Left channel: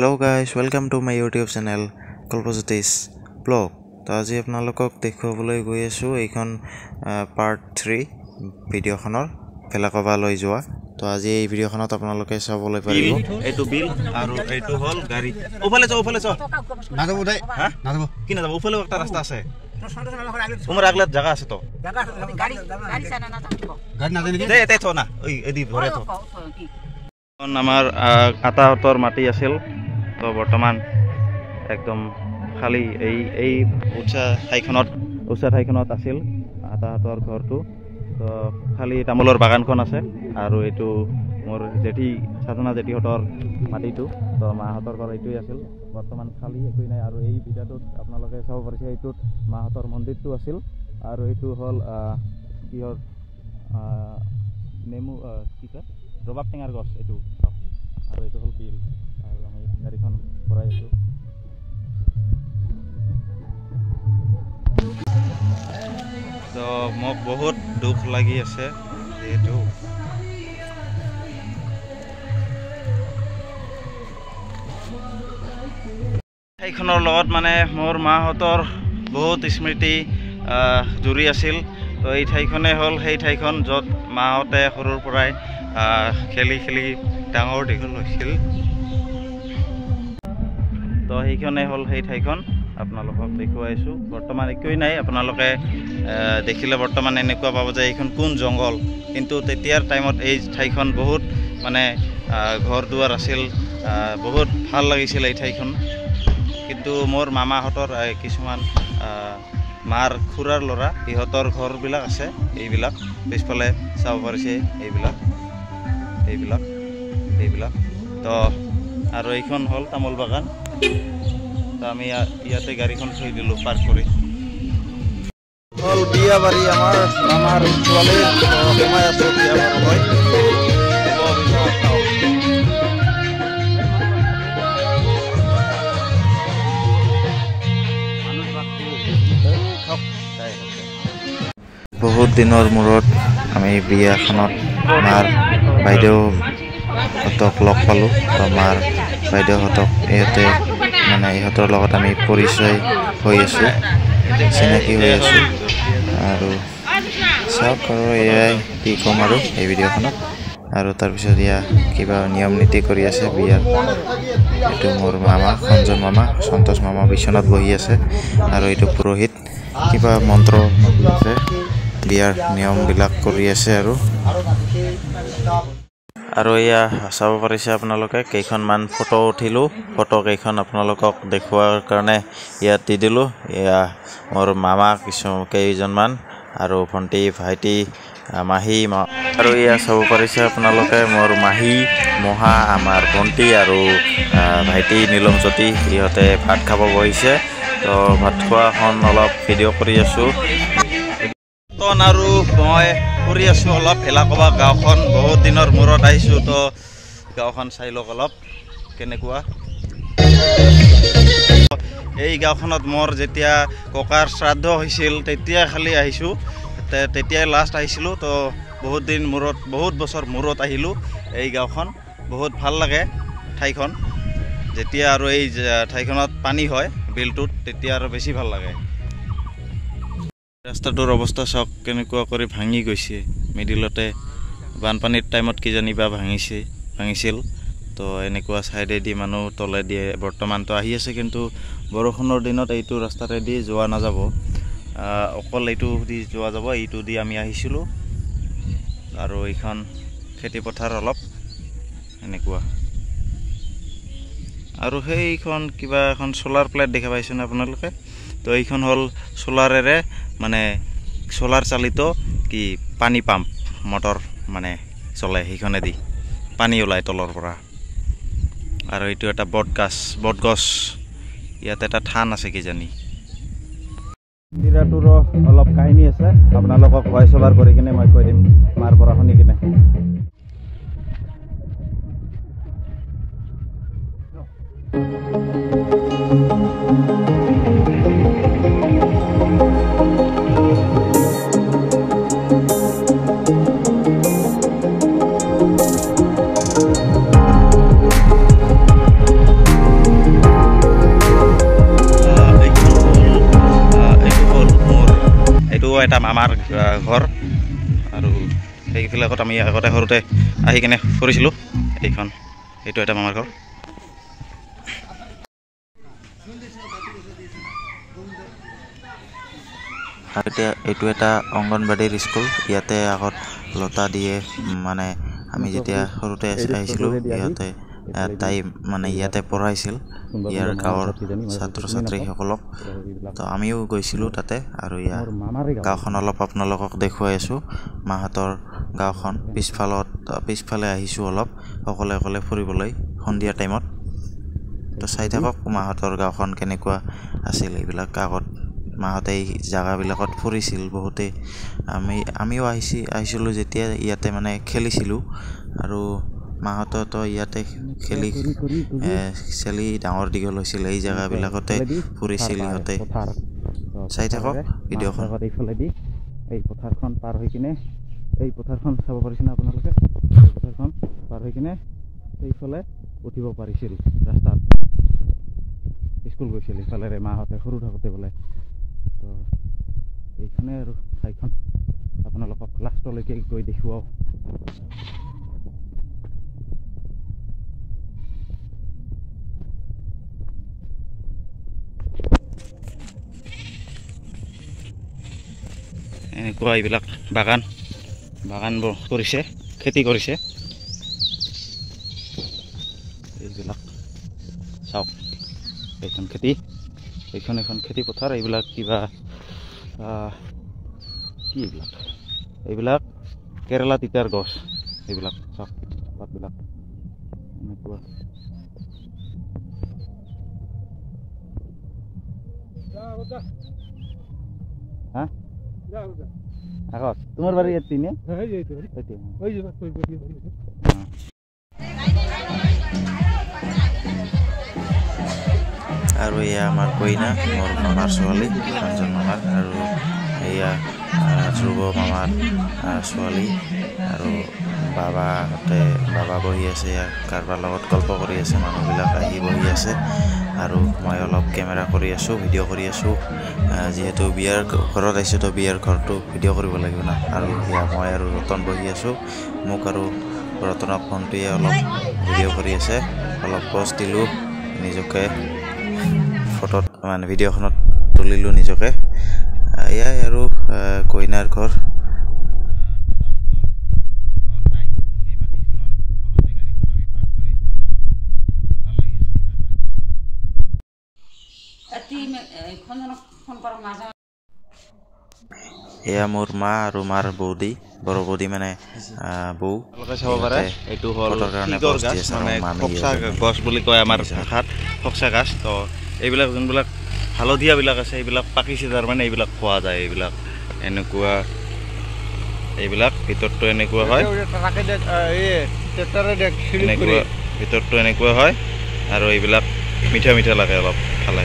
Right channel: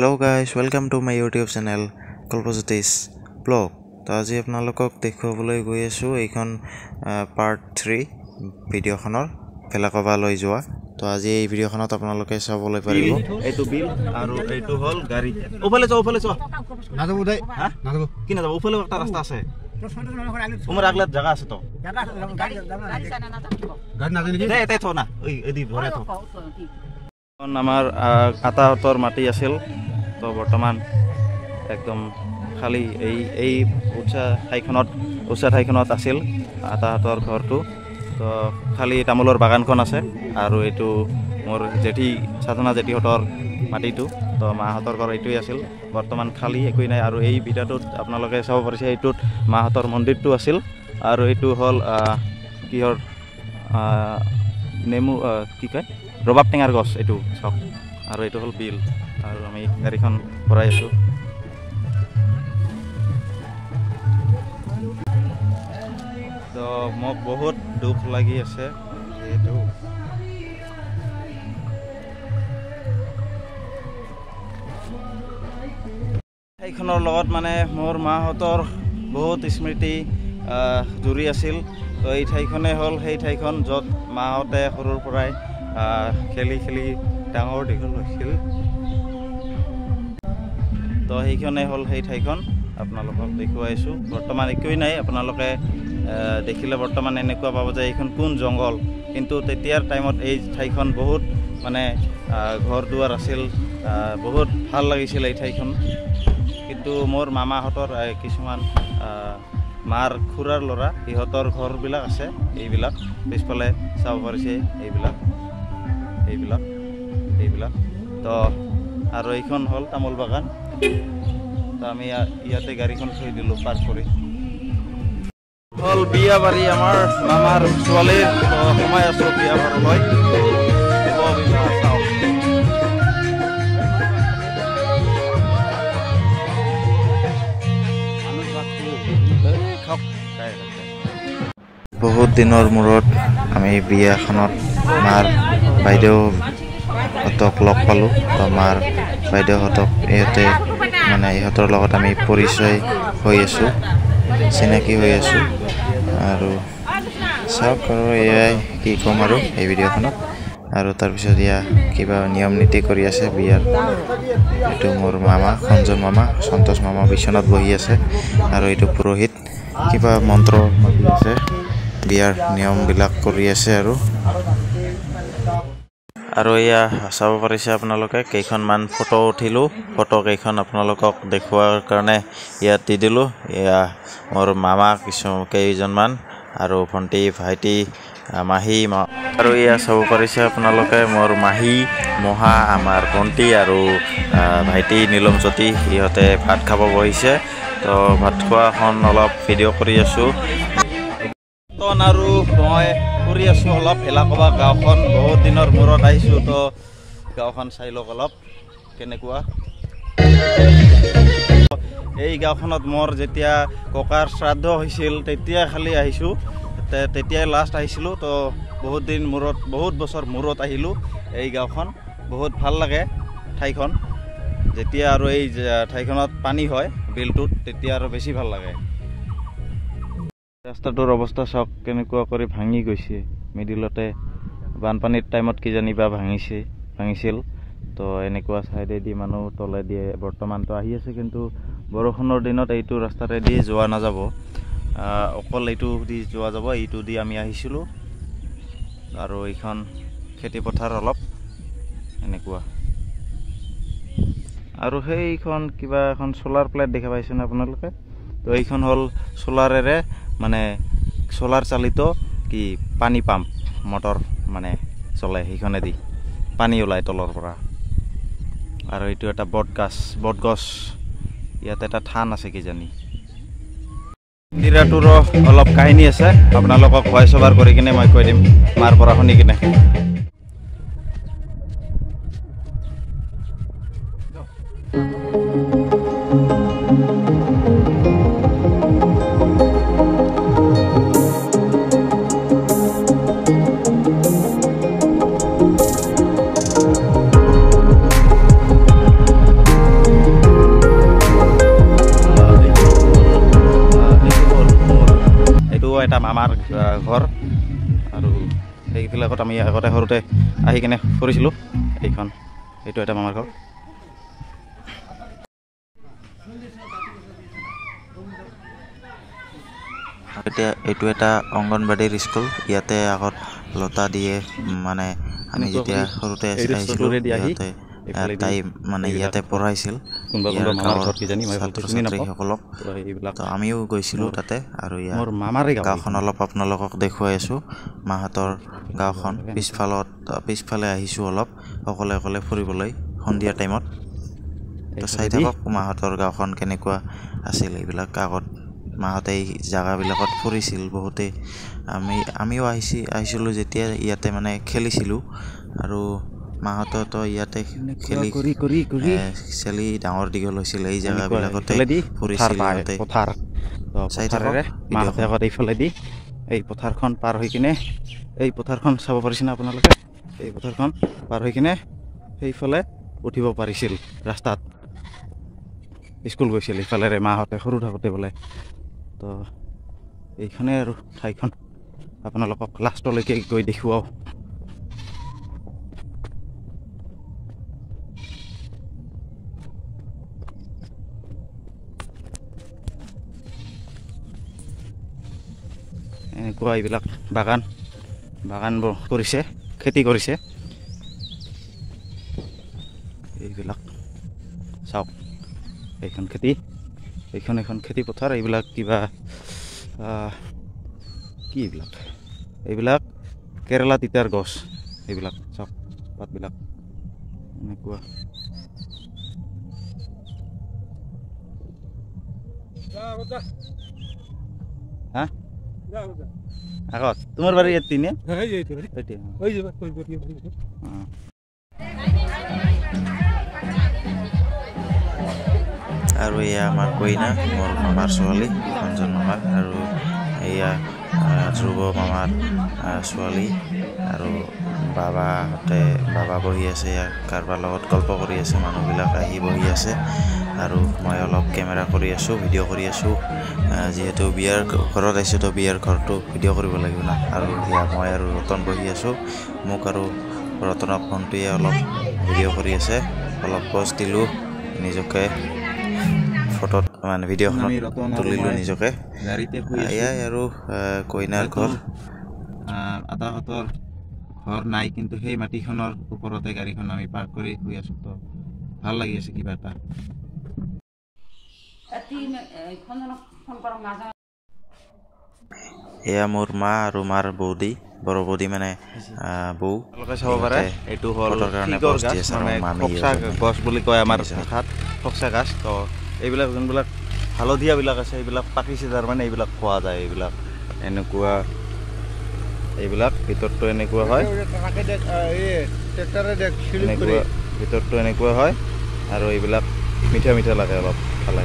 Hello guys, welcome to my YouTube channel Kalpajyotis Blog. তো আজি আপোনালোকক দেখুৱাবলৈ গৈ আছো এইখন পাৰ্ট 3 ভিডিঅ'খনৰ ভেলাকবা লৈ যোৱা। তো আজি এই ভিডিঅ'খনত আপোনালোকে চাবলৈ পাৰিব। এইটো বিল আৰু এইটো হল গাড়ী। ওফালে যাও না যাব দে হা না যাব কি না যাব ওফালে একটা ৰাস্তা আছে উমৰ আগলে জায়গা আছে তো গাড়ী সানা না যাব গাড়ী না দে এতে থ না ওই এদি ঘরে থ আমাৰ আতাহতৰ মাটি আছিল তো বৰ্তমান একদম খালি এই উচ্চা ঠাইখনত আছিল আতাহতৰ ঘৰটো তো খালি তামোলৰ বাগানখন আছে আৰু এইটো মোৰ জেঠি সাধনা জেঠিহতৰ মাটিটো তো মাহতৰ ঘৰ এইটোই আছিল বৰ্তমান খালি একোই নাই আৰু এই ভিডিঅ'টোত আপোনালোকে চাব পাৰিছে এইটোত মাহতৰ মন্দিৰটো আছিল আৰু এইটো হল কিহৰ নেমু কি কয় ৰবাব টেঙাৰ গছ এইটো চাওক আৰু এইটো হল বিল আৰু আমি গাড়ীখন ভৰাই আছো তো মোক বহুত দুখ লাগি আছে যেহেতু এইখনৰ লগত মানে মোৰ মাহঁতৰ বহুত স্মৃতি জুৰি আছিল তো এই ঠাইখনে হ'ল সেই ঠাইখন য'ত মাহঁতে সৰুৰ পৰাই খেলি ডাঙৰ দীঘল হৈছিল তো সেইখনে হ'ল সেই ঠাইখন আপোনালোকক দেখুৱাইছোঁ বৰ্তমান একোৱেই নাই আপোনালোকে দেখিলে বৰ্তমান এনেকুৱা পাব যে এইখন কোন জংঘল কিন্তু তেতিয়াৰ টাইমত এই ঠাইখন বহুত মানে ঘৰ দুৱাৰ আছিল বহুত ভাল লাগিছিল এই ঠাইখন কিন্তু মোৰ মামাহঁতৰ কিছুমান মাৰ খুৰাৰ ল'ৰা ইহঁতৰ ঘৰবিলাক আছে এইবিলাক পিছফালে চাব পাৰিছে এইবিলাক তো আৰু এইখন হ'ল তামোল বাগান তো আমি ইয়াতে গাড়ীখন থৈ দিলোঁ পাৰ্ক কৰি হ'ল বিয়া বাৰী আমাৰ মামাৰ ছোৱালীৰ সোমাই আছোঁ বিয়া বাৰলৈ বহুত দিনৰ মূৰত আমি বিয়াখনত মাৰ বাইদেউহঁতক লগ পালোঁ তো মাৰ বাইদেউহঁতক ইহঁতৰ লগত আমি পৰিচয় হৈ আছোঁ চিনাকি হৈ আছোঁ আৰু চাওক আৰু এয়াই কি ক'ম আৰু এই ভিডিঅ'খনত আৰু তাৰপিছত কিবা নিয়ম নীতি কৰি আছে বিয়াৰ এইটো মোৰ মামা সঞ্জন মামা সন্তোষ মামা বিচনাত বহি আছে আৰু এইটো পুৰোহিত কিবা মন্ত্ৰ মাতি আছে বিয়াৰ নিয়মবিলাক কৰি আছে আৰু এয়া চাব পাৰিছে আপোনালোকে কেইখনমান ফটো উঠিলোঁ ফটো কেইখন আপোনালোকক দেখুৱাৰ কাৰণে ইয়াত দি দিলোঁ এয়া মোৰ মামা কেইজনমান আৰু ভণ্টি ভাইটি মাহী আৰু এয়া চাব পাৰিছে আপোনালোকে মোৰ মাহী মহা আমাৰ ভণ্টি আৰু ভাইটি নীলমজ্যোতি ইহঁতে ভাত খাব বহিছে তো ভাত খোৱাখন অলপ ভিডিঅ' কৰি আছোঁ আৰু মই ফুৰি আছোঁ অলপ ভেলাকবা গাঁওখন বহুত দিনৰ মূৰত আহিছোঁ তো গাঁওখন চাই লওক অলপ কেনেকুৱা এই গাঁওখনত মোৰ যেতিয়া ককাৰ শ্ৰাদ্ধ হৈছিল তেতিয়া খালি আহিছোঁ তেতিয়াই লাষ্ট আহিছিলোঁ তো বহুত বছৰ মূৰত আহিলোঁ এই গাঁওখন বহুত ভাল লাগে ঠাইখন যেতিয়া আৰু এই ঠাইখনত পানী হয় বিলটোত তেতিয়া আৰু বেছি ভাল লাগে ৰাস্তাটোৰ অৱস্থা চাওক কেনেকুৱা কৰি ভাঙি গৈছে মিডিলতে বানপানীৰ টাইমত কিজানিবা ভাঙিছিল তো এনেকুৱা ছাইডেদি মানুহ তলে দিয়ে বৰ্তমানতো আহি আছে কিন্তু বৰষুণৰ দিনত এইটো ৰাস্তাৰেদি যোৱা নাযাব অকল এইটো দি যোৱা যাব এইটো দি আমি আহিছিলোঁ আৰু এইখন খেতিপথাৰ অলপ এনেকুৱা আৰু সেইখন কিবা এখন চ'লাৰ প্লেট দেখা পাইছেনে আপোনালোকে তো এইখন হ'ল চ'লাৰেৰে মানে চ'লাৰ চালিত কি পানী পাম্প মটৰ মানে চলে সেইখনেদি পানী ওলায় তলৰ পৰা আৰু এইটো এটা বটগছ ইয়াত এটা থান আছে কিজানি মন্দিৰটোৰো অলপ কাহিনী আছে আপোনালোকক ভইচ অভাৰ কৰি কিনে মই কৈ দিম মাৰ পৰা শুনি কিনে এটা মামাৰ ঘৰ আৰু সেইবিলাকত আমি আগতে সৰুতে আহি কিনে ফুৰিছিলোঁ এইটো এটা মামাৰ ঘৰ এতিয়া এইটো এটা অংগনবাড়ীৰ স্কুল ইয়াতে আগত লতা দিয়ে মানে আমি যেতিয়া সৰুতে আহিছিলোঁ ইয়াতে তাই মানে ইয়াতে পঢ়াইছিল ইয়াৰ গাঁৱৰ ছাত্ৰ ছাত্ৰীসকলক তো আমিও গৈছিলোঁ তাতে আৰু ইয়াৰ গাঁওখন অলপ আপোনালোকক দেখুৱাই আছোঁ মাহঁতৰ গাঁওখন পিছফালে আহিছোঁ অলপ অকলে ফুৰিবলৈ সন্ধিয়া টাইমত তো চাই থাকক মাহঁতৰ গাঁওখন কেনেকুৱা আছিল এইবিলাক আগত মাহঁতে এই জেগাবিলাকত ফুৰিছিল বহুতে আমিও আহিছিলোঁ যেতিয়া ইয়াতে মানে খেলিছিলোঁ আৰু মাহঁতেতো ইয়াতে খেলি ডাঙৰ দীঘল হৈছিল এই জেগাবিলাকতে ফুৰিছিল ইয়াতে চাই থাকক ভিডিঅ'খন এইফালেদি এই পথাৰখন পাৰ হৈ কিনে এই পথাৰখন চাব পাৰিছেনে আপোনালোকে এই পথাৰখন পাৰ হৈ কিনে সেইফালে উঠিব পাৰিছিল ৰাস্তাত স্কুল গৈছিল ইফালেৰে মাহঁতে সৰু থাকোঁতে বোলে তো এইখনে আৰু ঠাইখন আপোনালোকক লাষ্টলৈকে গৈ দেখুৱাওঁ এনেকুৱা এইবিলাক বাগানবোৰ কৰিছে খেতি কৰিছে এইবিলাক চাওক এইখন এখন খেতি পথাৰ এইবিলাক কিবা কি এইবিলাক কেৰেলা তিতাৰ গছ এইবিলাক চাওক পাতবিলাক এনেকুৱা হা আগত তোমাৰ বাৰী ইয়াত তিনে আৰু এয়া আমাৰ কইনা মোৰ মামাৰ ছোৱালী ৰঞ্জন মামাৰ আৰু এয়া ধ্ৰুৱ মামাৰ ছোৱালী আৰু বাবা বহি আছে ইয়াৰ কাৰোবাৰ লগত গল্প কৰি আছে মানুহবিলাক আহি বহি আছে আৰু মই অলপ কেমেৰা কৰি আছোঁ ভিডিঅ' কৰি আছোঁ যিহেতু বিয়াৰ ঘৰত আহিছোঁ তো বিয়াৰ ঘৰটো ভিডিঅ' কৰিব লাগিব না আৰু এয়া মই আৰু ৰতন বহি আছোঁ মোক আৰু ৰতনৰ ফোনটোৱে অলপ ভিডিঅ' কৰি আছে অলপ পষ্ট দিলোঁ নিজকে ফটোত মানে ভিডিঅ'খনত তুলিলোঁ নিজকে এয়াই আৰু কইনাৰ ঘৰ আতাহঁতৰ ঘৰ নাই কিন্তু সেই মাটিখনৰ ওপৰতে গাড়ীখন আমি পাৰ্ক কৰি শুই আছোঁ তো ভাল লাগি আছে কিবা এটা এয়া মোৰ মা আৰু মাৰ বৌদি বড় বৌদি মানে বৌ চাব পাৰে এইটো হ'ল গছ বুলি কয় আমাৰ ভাষাত ফক্সা গাছ তো এইবিলাক যোনবিলাক হালধীয়াবিলাক আছে এইবিলাক পাকিছে তাৰমানে এইবিলাক খোৱা যায় এইবিলাক এইবিলাক ভিতৰটো এনেকুৱা হয় ভিতৰটো এনেকুৱা হয় আৰু এইবিলাক মিঠা লাগে অলপ খালে